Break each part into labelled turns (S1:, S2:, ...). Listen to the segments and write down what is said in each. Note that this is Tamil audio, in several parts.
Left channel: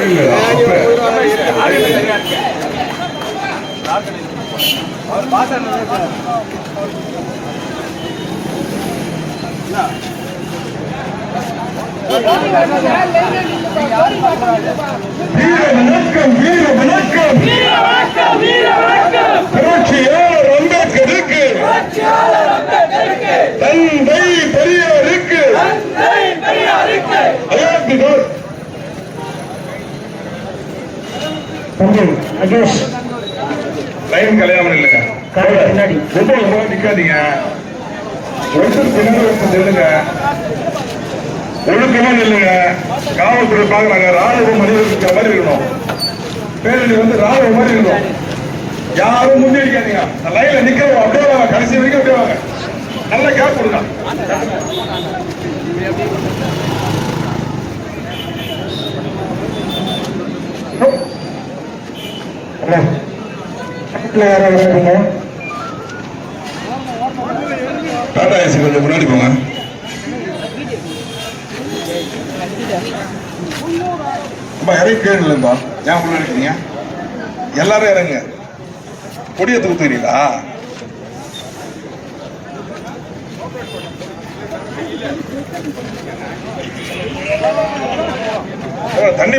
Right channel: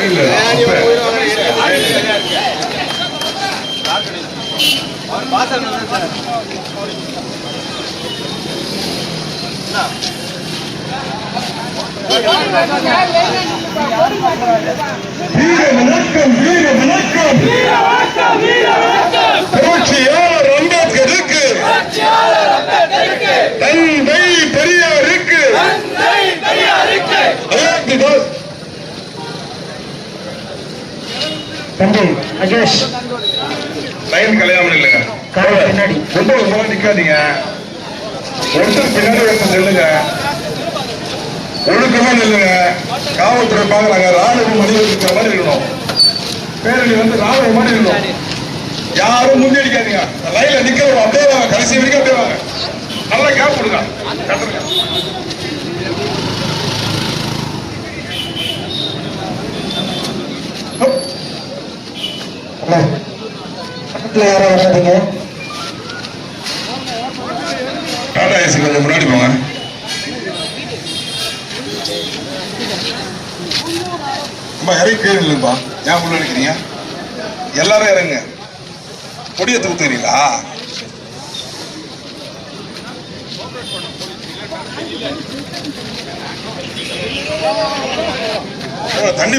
S1: இல்ல அவர் பாஸ் ஆனதா சார் வீர வணக்கம் வீர வணக்கம் வீர வணக்கம் வீர வணக்கம் புரட்சியாளர் அம்பேத்கருக்கு புரட்சியாளர் அம்பேத்கருக்கு தந்தை பெரியாருக்கு தந்தை பெரியாருக்கு அழைத்து
S2: தம்பி அஜேஷ்
S1: லைன் கல்யாணம் இல்லைங்க.
S2: பின்னாடி.
S1: ரொம்ப ரொம்ப நிக்காதீங்க. ஒருத்தர் பின்னாடி ஒருத்தர் நில்லுங்க. ஒழுக்கமா நில்லுங்க. காவல்துறை பாக்குறாங்க ராணுவம் மனிதர்கள் இருக்கிற மாதிரி இருக்கணும். பேரணி வந்து ராணுவம் மாதிரி இருக்கணும். யாரும் முந்தி அடிக்காதீங்க லைன்ல நிக்க அப்படியே வாங்க. கடைசி வரைக்கும் அப்படியே வாங்க. நல்லா கேப் கொடுங்க.
S2: பக்கத்துல ஏற வராதீங்க
S1: டாடா ஏசி கொஞ்சம் முன்னாடி போங்க. அம்மா இறங்கி கீழே இல்லைப்பா ஏன் உள்ள நினைக்கிறீங்க எல்லாரும் இறங்க. கொடியை தூக்குறீங்களா தண்ணி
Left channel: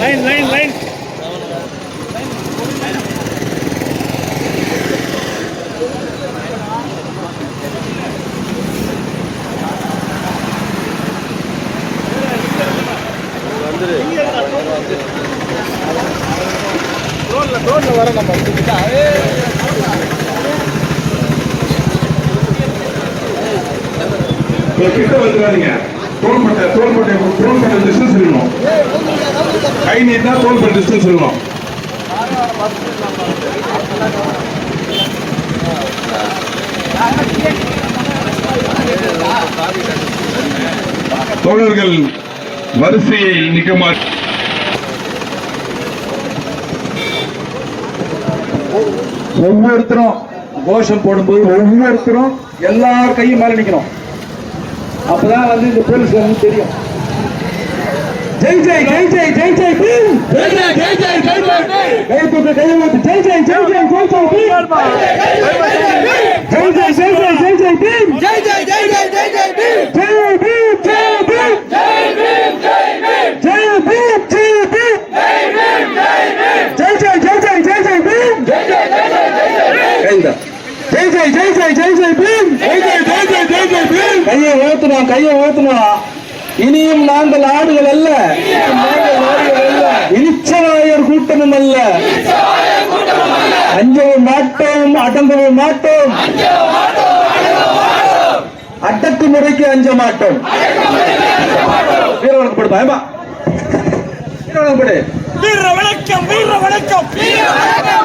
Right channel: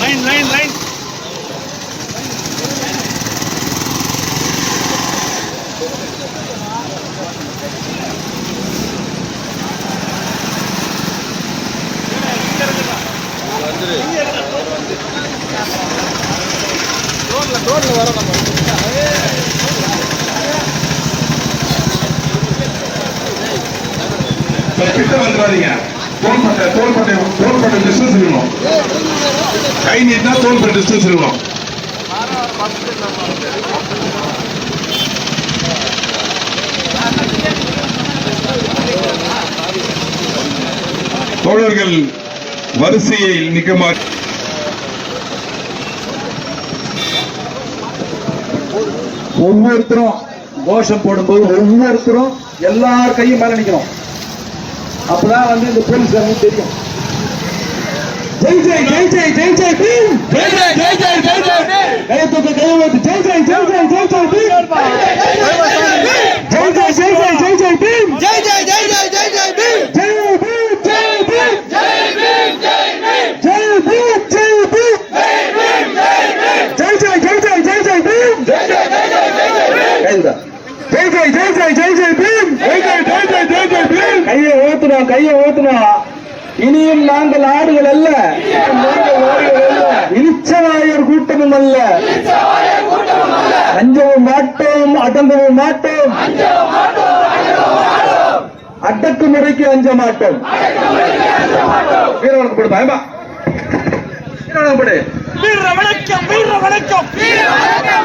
S3: லைன் லைன் லைன்
S1: ரோட்ல ரோட்ல வர நம்ம தோல்பட்டை தோல்பட்டை தோள்பட்டை டிஸ்டன்ஸ் இருக்கணும். கை நீட்டினா தோள்பட்டை டிஸ்டன்ஸ் இருக்கணும். தோழர்கள் வரிசையை நிற்க மாட்டேன்
S3: ஒவ்வொருத்தரும் கோஷம் போடும்போது ஒவ்வொருத்தரும் எல்லார் கையும் மேல நிக்கணும். அப்பதான் வந்து இந்த போலீஸ்காரங்க தெரியும். ஜெய் ஜெய் ஜெய் ஜெய் ஜெய் ஜெய் ஜெய் ஜெய் ஜெய் ஜெய் ஜெய் ஜெய் எனக்கு தெய்வத்து ஜெய் ஜெய் ஜெய் ஜெய் ஜெய் ஜெய் ஜெய் ஜெய் ஜெய் ஜெய் ஜெய் ஜெய் பீம்
S4: ஜெய் ஜெய் ஜெய் ஜெய் ஜெய் ஜெய் பீம்
S3: ஜெய் பீம் ஜெய் பீம்
S4: ஜெய் பீம் ஜெய் பீம்
S3: ஜெய் பீம் ஜெய் பீம்
S4: ஜெய் பீம் ஜெய் பீம்
S3: ஜெய் ஜெய் ஜெய் ஜெய் ஜெய் ஜெய்
S4: பீம் ஜெய் ஜெய் ஜெய் ஜெய் ஜெய் ஜெய் பீம் எழுதா ஜெய் ஜெய்
S1: ஜெய் ஜெய் ஜெய் ஜெய் பீம் ஜெய் ஜெய் ஜெய் ஜெய் ஜெய் ஜெய் பீம் கையை ஓத்துறோம் கையை ஓத்துறோம் இனியும் நாங்கள் ஆடுகள் அல்ல. இனிச்சவாயர் கூட்டமும் அல்ல. அஞ்சவும் மாட்டோம் அடங்கவும் மாட்டோம்.
S4: அடக்குமுறைக்கு அஞ்ச மாட்டோம்.
S1: வீர வணக்கம் வீர வணக்கம் வீர வணக்கம்.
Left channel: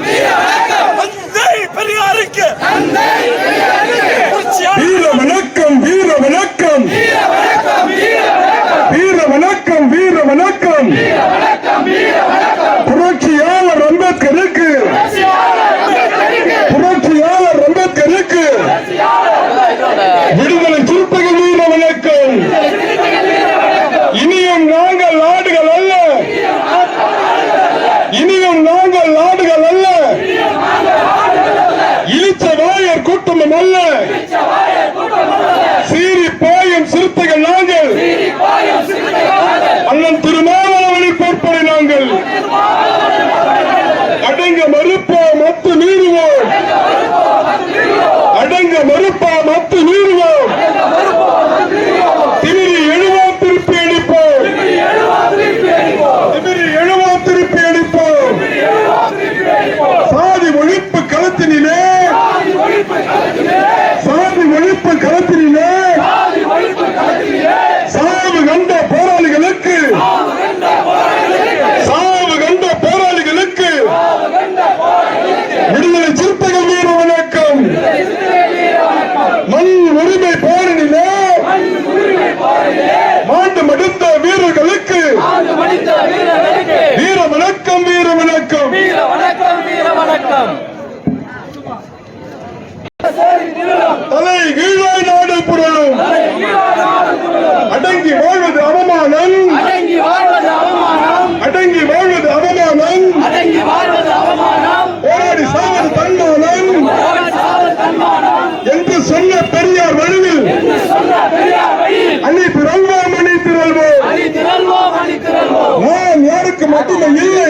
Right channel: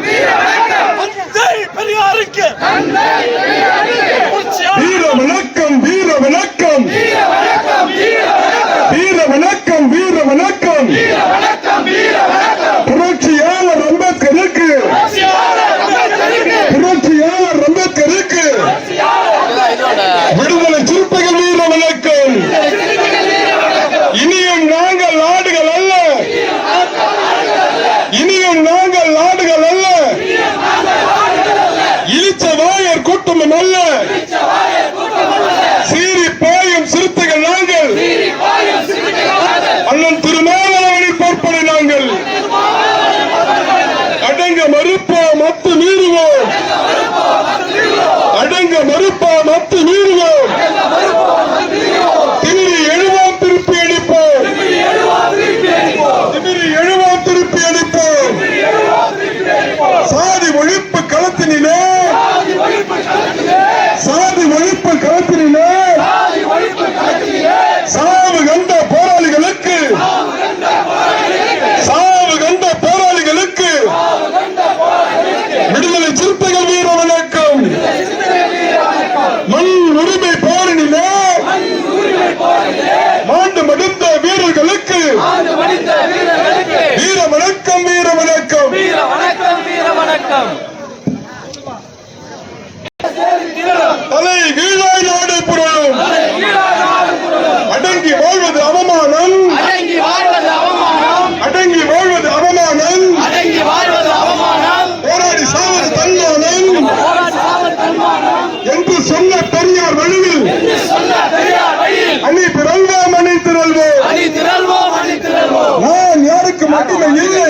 S1: Papi, me.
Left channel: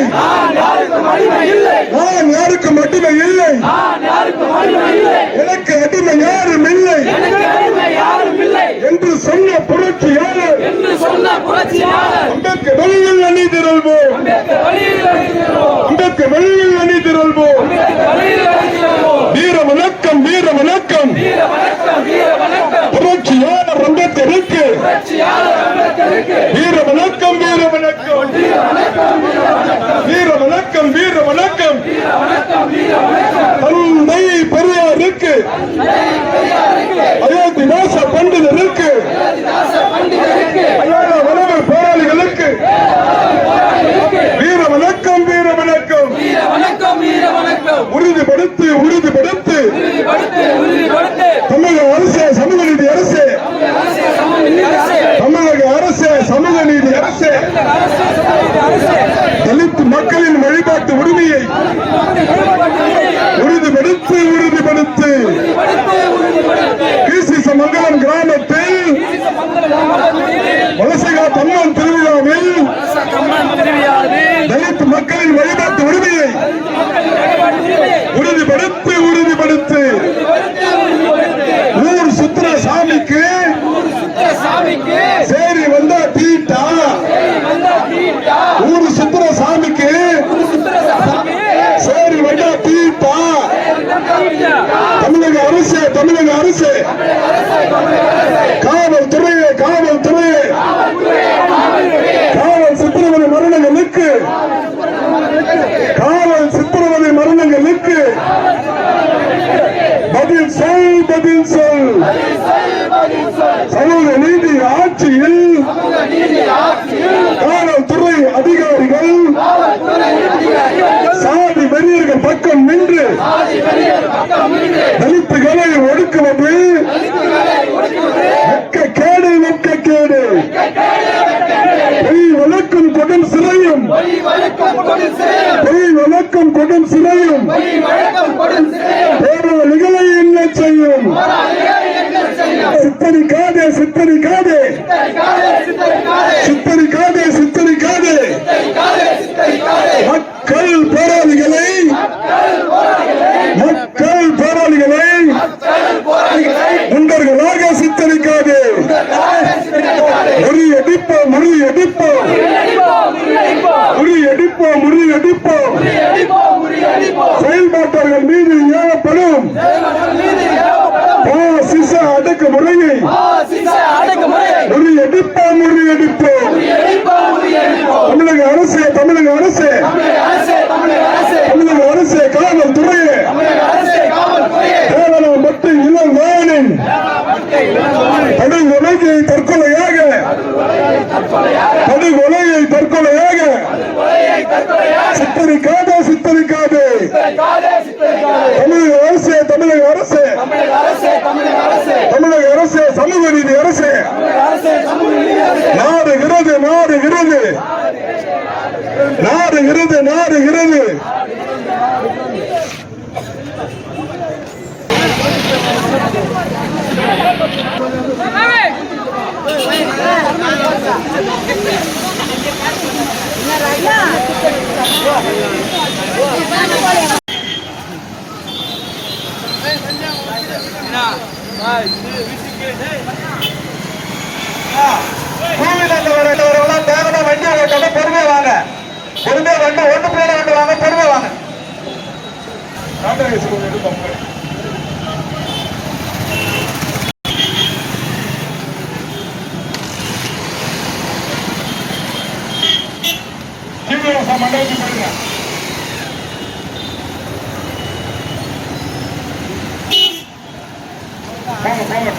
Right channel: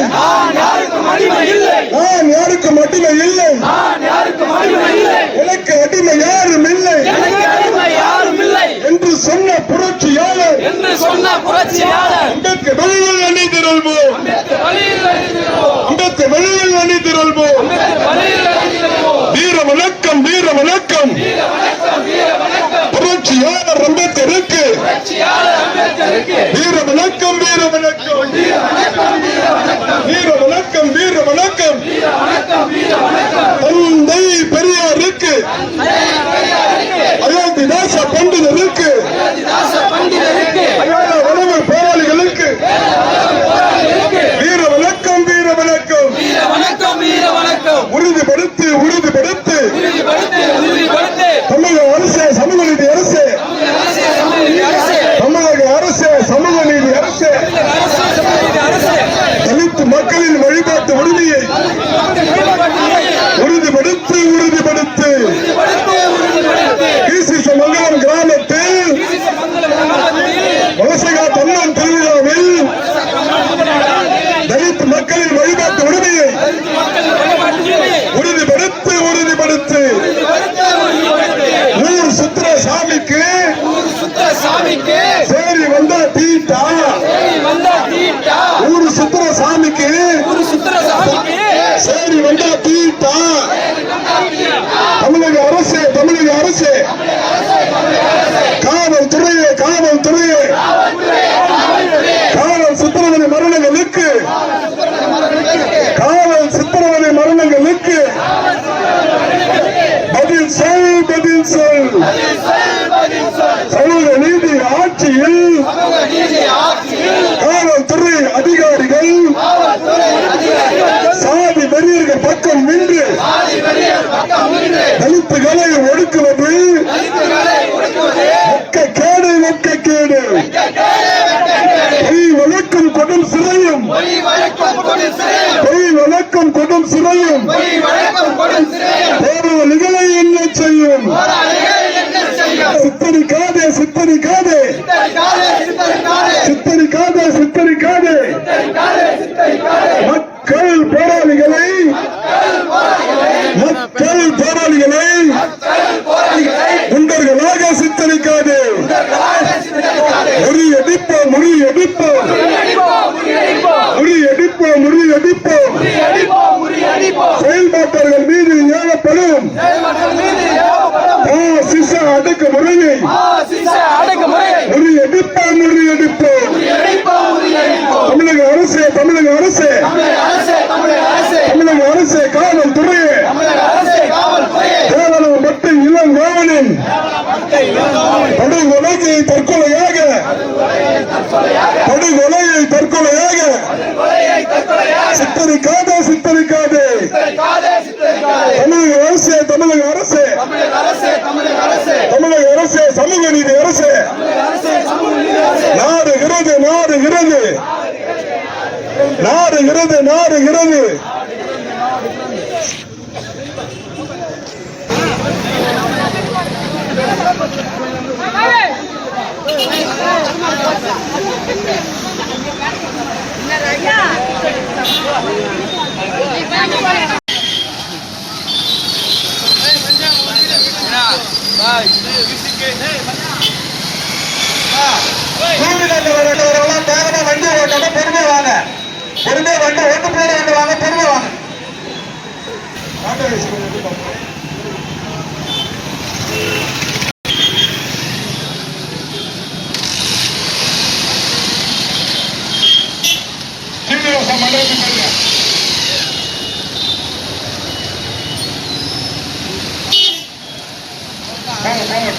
S1: Viva હારી છે கொடுக்கும் சிறையும். ஒரு நிகழை என்ன செய்யும்? சித்தரிக்காதே சித்தரிக்காதே சித்தரிக்காதே சித்தரிக்காதே மக்கள் போராளிகளை. மக்கள் போராளிகளை. குண்டர்களாக சித்தரிக்காதே முறியடிப்போம் முறியடிப்போம். முறியடிப்போம் முறியடிப்போம். அடக்குமுறையை முறியடிப்போம் முறியடிப்போம் தமிழக அரசு தமிழக அரசு. தமிழக அரசு காவல்துறையே. கேவலம் மட்டும் இளம் காவலின் படுகொலையை தற்கொலையாக. படுகொலையை தற்கொலையாக. சித்தரிக்காதே சித்தரிக்காதே தமிழக அரசு. தமிழக அரசு தமிழக அரசு சமூக நீதி அரசு நாடுகிறது நாடுகிறது நாடுகிறது நாடுகிறது
S3: Yeah. வேகமா வண்டி பொறுமையா வாங்க பொறுமையா வண்டி ஒன்று போல வண்டி வாங்க பொறுமையா வாங்க
S1: சீனிவாச மண்டபத்துக்கு போயிருங்க போங்க போங்க தூங்க போயிருமா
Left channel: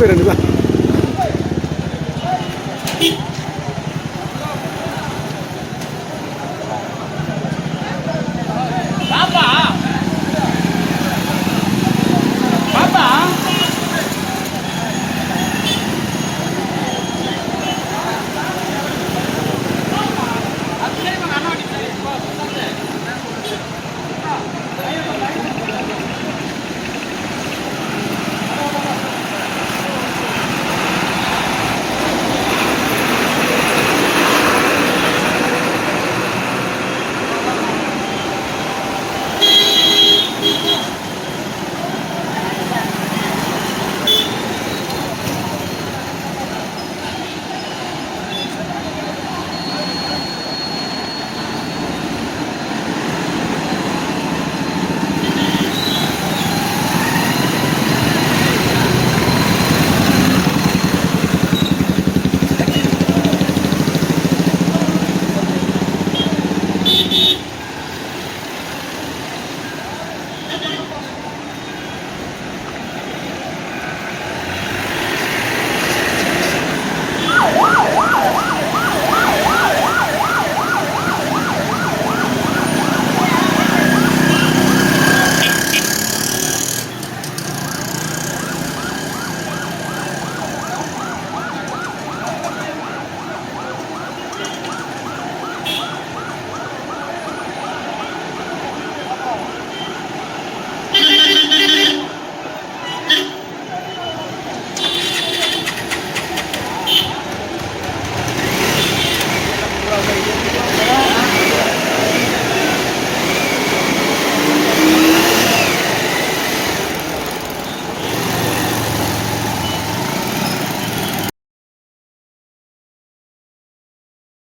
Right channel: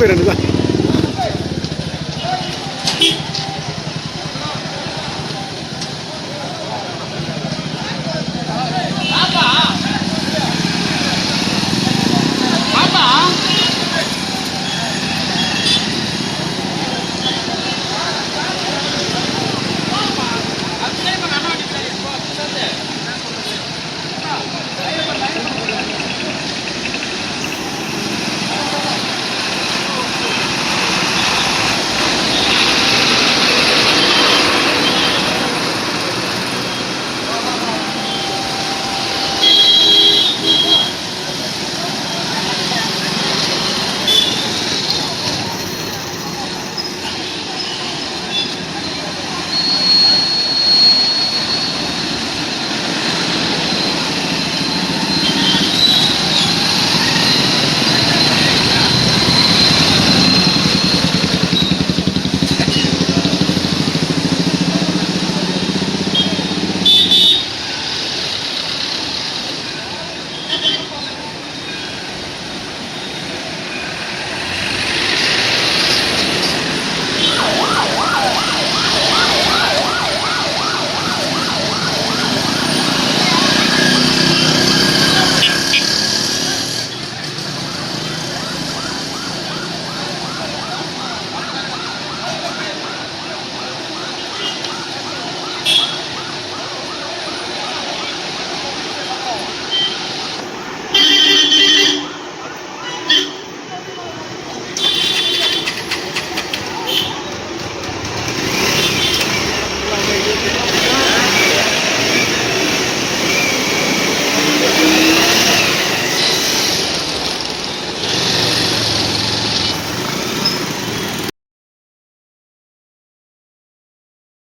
S1: போங்க
S3: இது பேர் தான்